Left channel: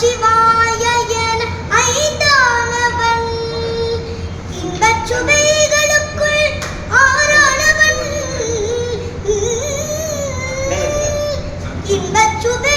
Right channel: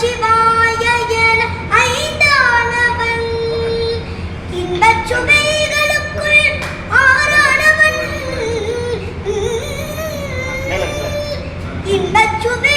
நமச்சிவாய என ஐந்தானவன். இன்பச் சுவைகளுக்குள் சுவை